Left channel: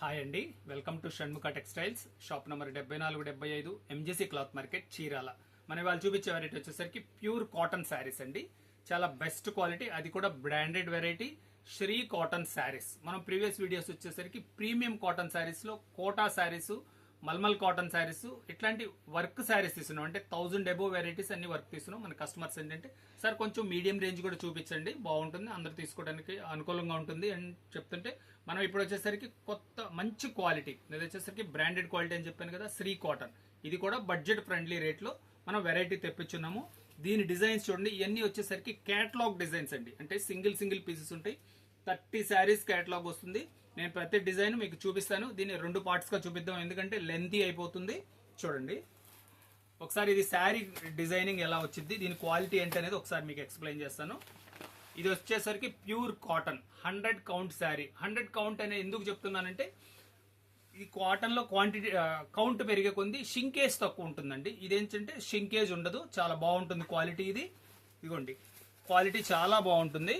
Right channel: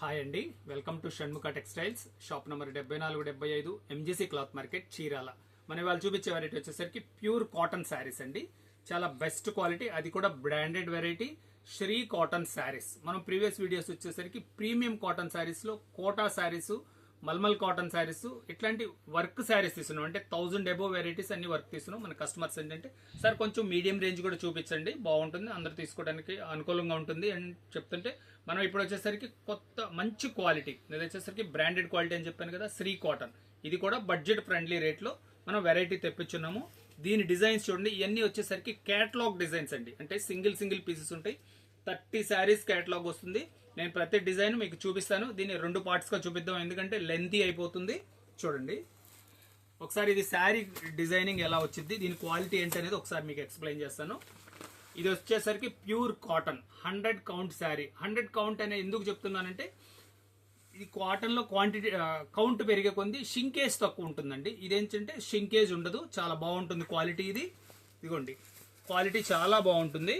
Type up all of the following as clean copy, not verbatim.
Hi అండి, welcome to Shanmukha textiles. Shop number 7475 MGC cloth market, Chirala. మన వాళ్ళు చూపించే వెరైటీ వచ్చేసరికి ప్యూర్ కాటన్ శారీస్ అండి. చాలా బెస్ట్ క్వాలిటీ, అది కూడా branded variety Sri cotton saris. మనం ప్రీవియస్ వీడియోస్ వచ్చేసరికి ప్రీమియం కాటన్ శారీస్ లో కోటా శారీస్, మల్మల్ కాటన్ శారీస్, ఇట్లాంటి వర్క్ శారీస్ తీసుకున్నాం. అంటే 1000 అబోవ్ వెరైటీస్ అన్ని వర్క్ తీసుకున్నాం. మన కస్టమర్స్ ఏంటంటే సార్ కొంచెం మీడియం రేంజ్ కూడా చూపించండి, బాగుంటుంది, అందరు తీసుకోవడానికి అనుకూలంగా ఉంటుంది అని చెప్తుంటే మనం ఇప్పుడు వచ్చేసరికి కొత్త మంచి క్వాలిటీ, ఇది వచ్చేసరికి బ్రాండెడ్ క్వాలిటీ అని చెప్పాను కదా, శ్రీ కాటన్. ఇది కూడా బడ్జెట్ ఫ్రెండ్లీ రేట్ లో మనం వెరైటీ తెప్పించున్నాము. దీని డిజైన్స్ చూడండి, ఇవన్నీ వచ్చేసరికి కేటలాగ్ డిజైన్స్ అండి. అంటే సింగిల్ పీసెస్ ఉంటాయి. 30 శారీస్ కేటలాగ్ వస్తుంది. నేను ప్రతి డిజైన్ మీకు చూపిస్తాను. దీన్ని 2 పార్ట్స్ గా చూపిద్దాం, ఎందుకంటే లెంతీ అయిపోతుంది. చూడండి ఒకసారి ఇది శారీ డిజైనింగ్ ఎలా వచ్చింది, దీని క్వాలిటీ ఏంటి అనేది ఒకసారి మీకు ఎక్స్ప్లెయిన్ చేస్తాను. ఇది వచ్చేసరికి pure cotton 100 count sari. 100 count అనేది ఎందుకు చెప్తున్నానంటే ఈ కాటన్ లో క్వాంటిటీ కౌంట్ పెరిగే కొంది షింకేజ్ తక్కువ ఉంటుందండి. ఇదేంటంటే షింకేజ్ ఉండదు, చాలా బాగుంటుంది క్వాలిటీ. ఇది ఇదిగోండి, క్వాలిటీ చాలా బాగుంటుంది.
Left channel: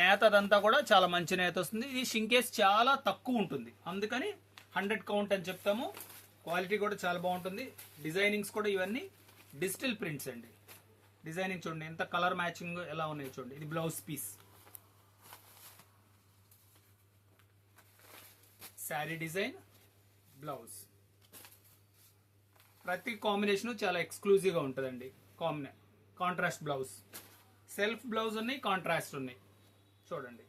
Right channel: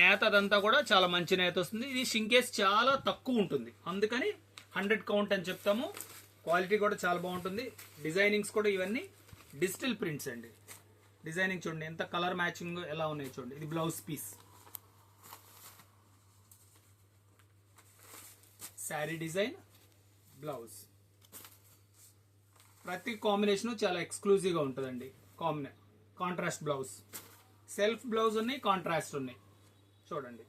నేత అదంతా కూడా చాలా మంచి నేత వస్తుంది. ఇది షింకేజ్ చాలా తక్కువ ఉంటుంది, అందుకని 100 కౌంట్ అని చెప్తాము. క్వాలిటీ కూడా చాలా బాగుంటుంది. డిజైనింగ్స్ కూడా ఇవన్నీ డిజిటల్ ప్రింట్స్ అండి. డిజైనింగ్ చూడండి ఎంత కలర్ మ్యాచింగ్ ఎలా ఉన్నాయి చూడండి. ఇది blouse piece, sari design, blouse. ప్రతి కాంబినేషన్ చాలా ఎక్స్క్లూజివ్ గా ఉంటుందండి. కాంట్రాస్ట్ బ్లౌజ్, సెల్ఫ్ బ్లౌజ్ ఉన్నాయి, కాంట్రాస్ట్ ఉన్నాయి. చూడండి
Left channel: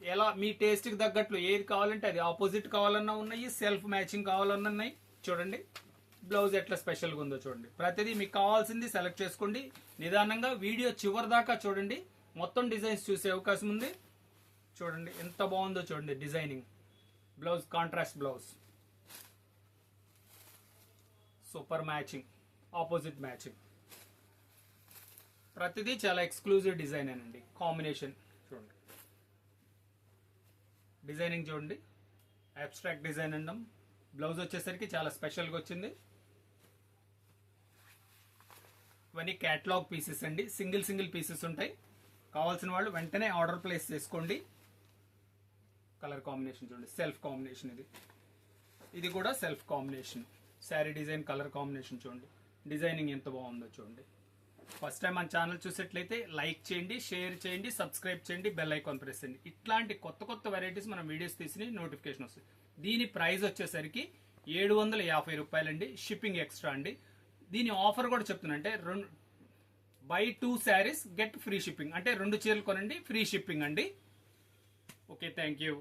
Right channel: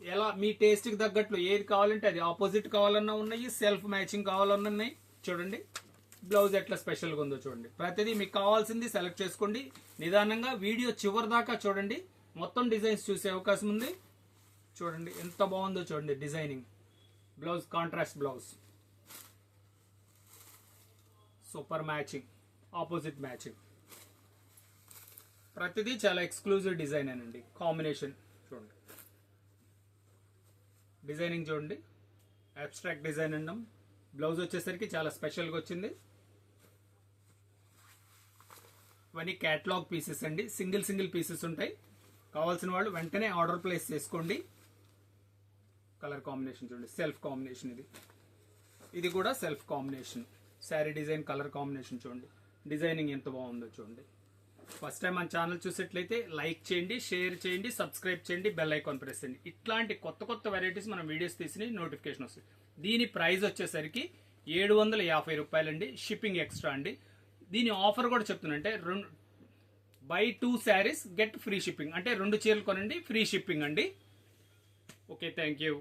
ఎలా మీ టేస్ట్ కి తగ్గట్లు ఏది కావాలంటే అది, ఆపోజిట్ కావాలన్నా ఉన్నాయి, సెల్ఫ్ మ్యాచింగ్ కావాలన్నా ఉన్నాయి. చూడండి బ్లౌజ్ ఎట్లా స్పెషల్గా ఉందో చూడండి. ప్రతిదీ మీకు కావాల్సింది సెలెక్ట్ చేసుకోండి. నిదానంగా వీడియో చివరి దాకా చూడండి, మొత్తం డిజైన్స్ చూసే అవకాశం ఉంది. చూడండి ఎంత బాగుందో చూడండి designing. Blouse contrast blouse, super matching, opposite matching. ప్రతిదీ చాలా ఎక్స్క్లూజివ్ డిజైన్ అండి. కాంబినేషన్ చూడండి, డిజైనింగ్ చూడండి, అబ్స్ట్రాక్ట్ డిజైన్ అన్నాం. బ్లౌజ్ వచ్చేసరికి చాలా స్పెషల్గా వచ్చింది. ఇవన్నీ కేటలాగ్ పీసెస్ అండి. సింగిల్ పీసెస్ ఉంటాయి. కావాల్సిన వాళ్ళు వెంటనే ఆర్డర్ ప్లేస్ చేసుకోండి. కలర్ కాంబినేషన్ చూడండి, సెల్ఫ్ కాంబినేషన్. ఇది కూడా self combination. Sari design, colour combination చూడండి. డిజైనింగ్ ఎంత బాగుందో చూడండి. ఫస్ట్ టైం మన ఛానల్ చూసేట్లయితే లైక్ చేయండి, షేర్ చేయండి, సబ్స్క్రైబ్ చేయండి, బెల్ ఐకాన్ ప్రెస్ చేయండి. ఇట్లాంటి కొత్త వెరైటీస్ మనం వీడియోస్ తీసి నోటిఫికేషన్ వస్తుంది. దీని ప్రైస్ వచ్చేసరికి 750 రూపాయలండి. షిప్పింగ్ ఎక్స్ట్రా అండి. దీని ఆఫర్ కూడా చెప్తున్నంటే buy 2 saris get free shipping. అంటే 2 చీరలు కొనండి, ఫ్రీ షిప్పింగ్ అండి. Okay, thank you.